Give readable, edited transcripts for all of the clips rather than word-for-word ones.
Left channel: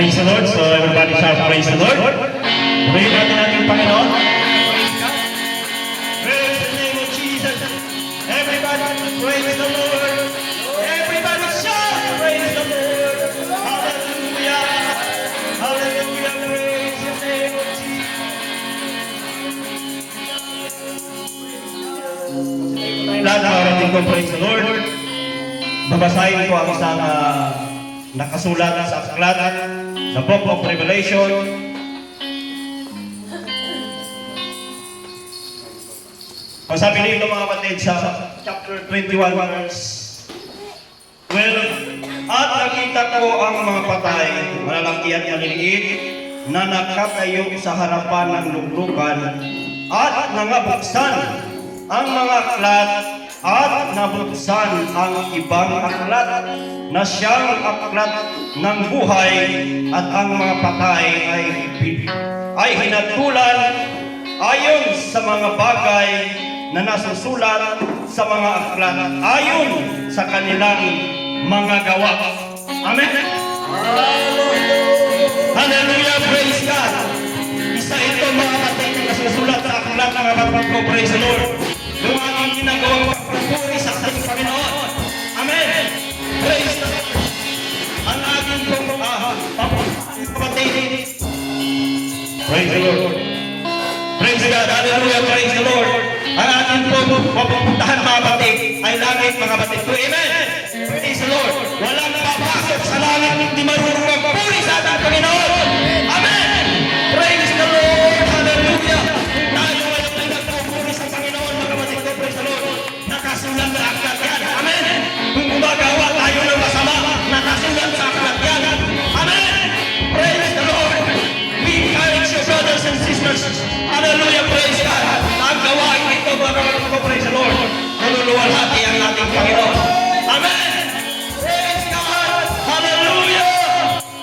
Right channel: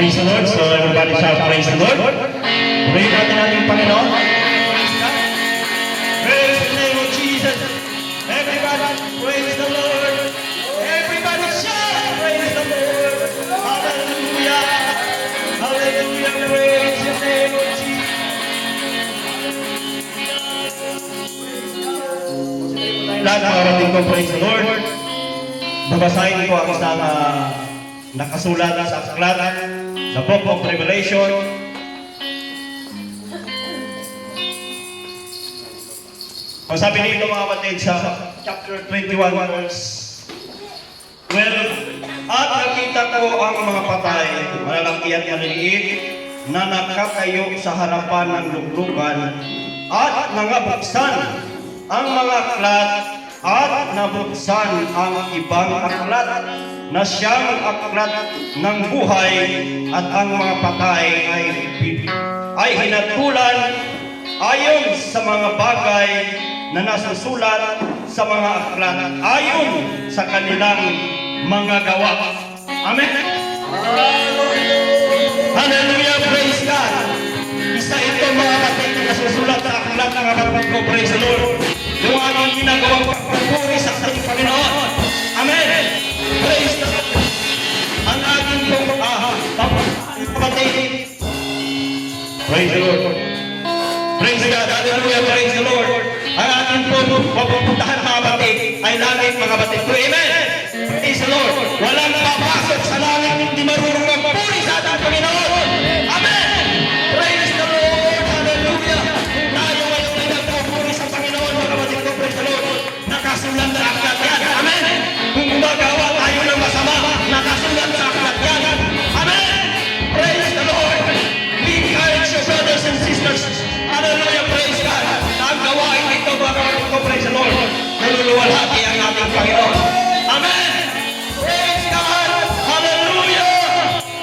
Praise the Lord. So everybody shout, praise the Lord. Purihin natin ating Panginoon. Praise God. Praise the name of Jesus. Everybody praise the Lord. Everybody shout, praise the Lord. Hallelujah. Hallelujah. Praise the name of Jesus. Lahat ng orating ko, praise the Lord. Babasahin ko ang isang nakasulat sa aklat, The Book of Revelation. Ang sabi dito mga kapatid sa chapter 21 verse 12, at nakita ko ang mga patay, malalaki at maliliit, na nakatayo sa harapan ng luglugan, at nangabuksan ang mga aklat, at nabuksan ang ibang aklat, na siyang aklat ng buhay, at ang mga patay ay hinatulan ayon sa mga bagay na nasusulat sa mga aklat ayon sa kanilang mga gawa. Amen. Hallelujah, praise God. Isa ito mga kapatid na nasusulat sa aklat ng kapatid ko, praise the Lord. Yung aking ginagawang pagpapuri sa ating Panginoon. Amen. Praise the Lord. Ang aking kapatid. Praise the Lord. Praise God. Hallelujah, praise the Lord. Ang ating pupuntahan mga kapatid ay langit mga kapatid ko. Amen. Praise the Lord. Walang papasok sa langit hindi marunong magpuri sa ating Panginoon. Amen. Praise the Lord. Hallelujah. Tayo ay nagpapuri sa Panginoon mga kapatid ko. Praise the Lord. Nakasulat sa aklat yan. Amen. Kung gumagawa tayo ng masama, nakasulat sa aklat yan. Amen. Praise the Lord. We encourage you brothers and sisters. Hallelujah. Praise God. Ang gawain ito mga kapatid ko. Praise the Lord. Naluluwalhati ang ating Panginoon. Amen. Praise God. Hallelujah.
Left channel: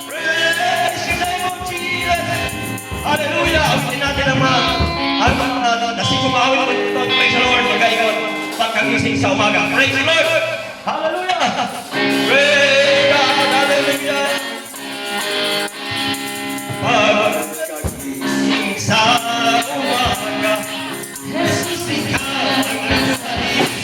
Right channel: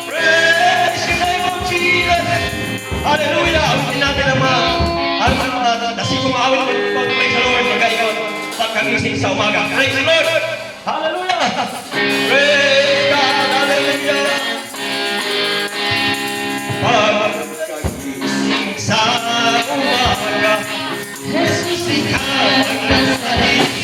Praise the name of Jesus. Hallelujah. Awitin natin ang mga nasigumawin mo ito. Praise the Lord. Magayon. Pagkagising sa umaga. Praise the Lord. Hallelujah. Praise God. Hallelujah. Pagkagising sa umaga, Jesus ikaw ang nakaisip.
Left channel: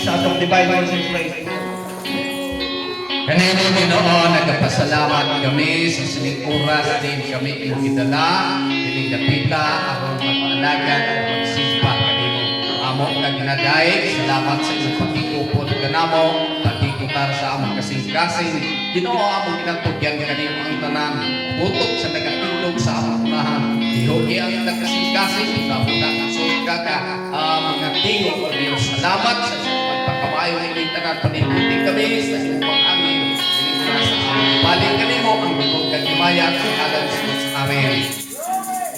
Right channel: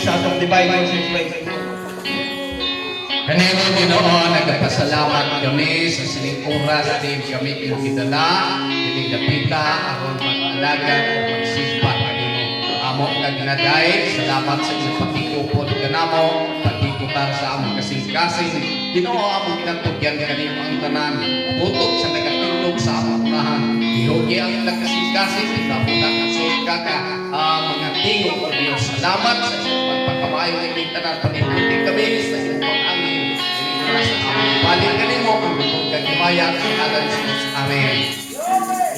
sa atong divine worship. Praise the Lord. Kanino Ginoo, nagpasalamat kami sa sining oras din kami pinakidala, dining dapita, aron mag-alagad o magsimpa kanimo. Amo kag naday, salamat sa inyong pagkikupon kanamo, pagkikutar sa among kasing-kasing. Ginoo among kinatugyan kanimo ang tanan, butok sa nagatilog sa among unahan. Ihogi ang nagkasing-kasing, nabuta sa kaka mga tingog o Diyos. Salamat sa inyong pagpakamayo ng tanan, panibuti kami sa inyong pang-angin. Balik ka mo ang bukod kag himaya sa ngalan ni Jesus. Amen.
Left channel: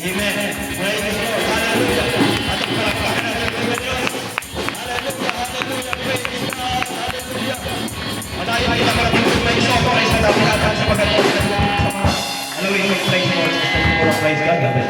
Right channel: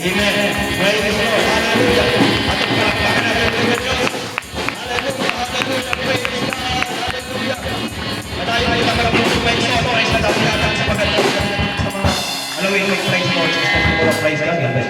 Amen. Praise the Lord. Hallelujah. Ating palakpakan natin ang Diyos. Hallelujah. Hallelujah. Praise God. Hallelujah. Madayo ay naman ang puso may soto. Isa na pinagkan sa pagkakita. Hallelujah. Praise the Lord. Praise God. Amen.